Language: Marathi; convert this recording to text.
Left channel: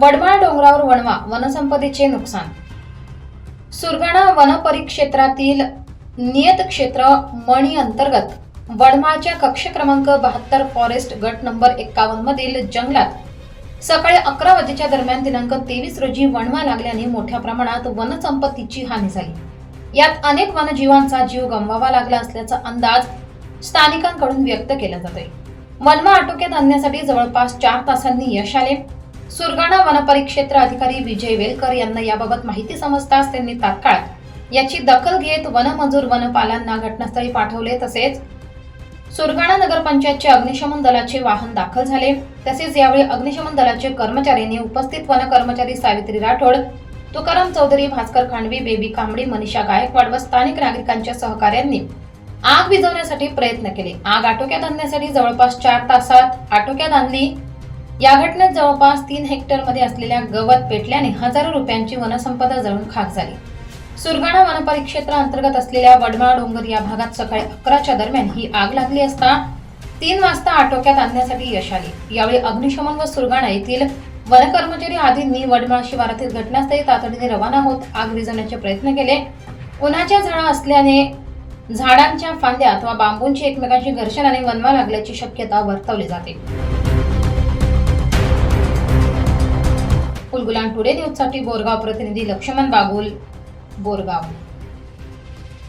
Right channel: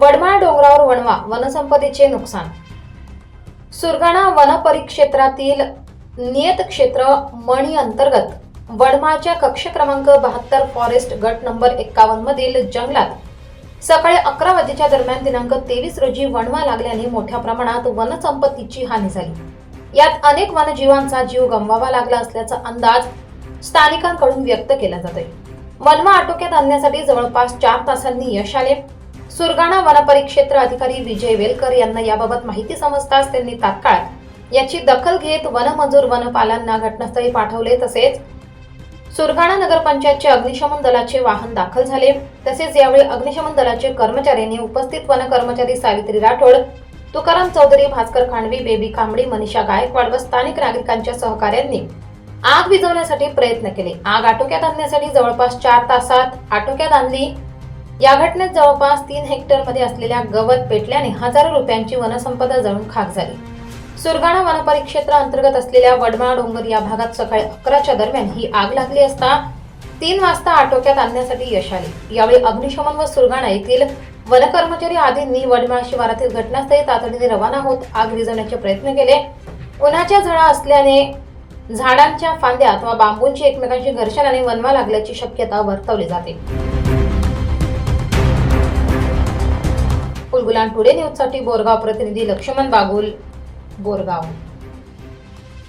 वडमाळ डोंगरावर वणवा वनसंपदेचे नुकसान. सुरगाणा वनपरिक्षेत्रातील नियत क्षेत्र मणी अंतर्गत वडमाळच्या कक्ष क्रमांक बहात्तर फॉरेस्ट गट नंबर एक्कावन्न मधील जंगलात सकाळी अकरा वाजेच्या दरम्यान दिनांक तेवीस रोजी वणवा लागल्याने मोठ्या प्रमाणात वनसंपत्तीची हानी झाली. यात अनेक वनजीवांचा जीव गमवावा लागला असल्याचा अंदाज स्थानिकांकडून व्यक्त केला जातोय. वनवा आटोक्यात आणण्यासाठी जवळपास चार तासांनी यश आले. सुरगाणा वनपरिक्षेत्र अधिकारी विजय वेलकर यांना याबाबत माहिती समजताच त्यांनी तात्काळ याची दखल घेत वनमजूर वनपालांना घटनास्थळी पाठवले. तसेच सुरगाणा नगरपंचायतचे अग्निशमन दलाचे वाहन दाखल झाले. तसेच यावेळी अग्निशमन दलाचे कर्मचाऱ्यांनी उपस्थित वन कर्मचारी सावित्री राठोड तुकाराम चौधरी भास्कर खांडवी बेबी कांबडी मनीषा गायकवाड व स्थानिक नागरिकांच्या सहकार्यांनी आग विझवण्यासाठी प्रयत्न केले. आग आटोक्यात आणण्यासाठी जवळपास चार तासात आटोक्यात आणली. या घटनेत जवळपास तीन हेक्टरमध्ये असलेल्या गवत पेटल्याने हजारो रुपयांची वनसंपदा जळून खाक झाली. सुरगाणा वनपरिक्षेत्र अंतर्गत असलेल्या वडमाळ डोंगर या भागात सकाळी अकराच्या दरम्यान ही आग लागली असता तीन वाजता आटोक्यात आणण्यासाठी यश आले. यावेळी अग्निशमन व सुरगाणा येथील वनकर्मचारी आदींनी वडमाळ शिवारातील घटनास्थळी तातडीने रवाना होत आग विझवण्याचे प्रयत्न केले. उन्हाच्या झळा असल्याने झाडांच्या फांद्या अथवा बांबूंची एकमेकांशी घर्षणाने वनवा लागल्याची शक्यता वर्तवली जाते. उलगुलान टुडे न्यूजसाठी बोरगाव प्रतिनिधी लक्ष्मण बागुल बोरगाव.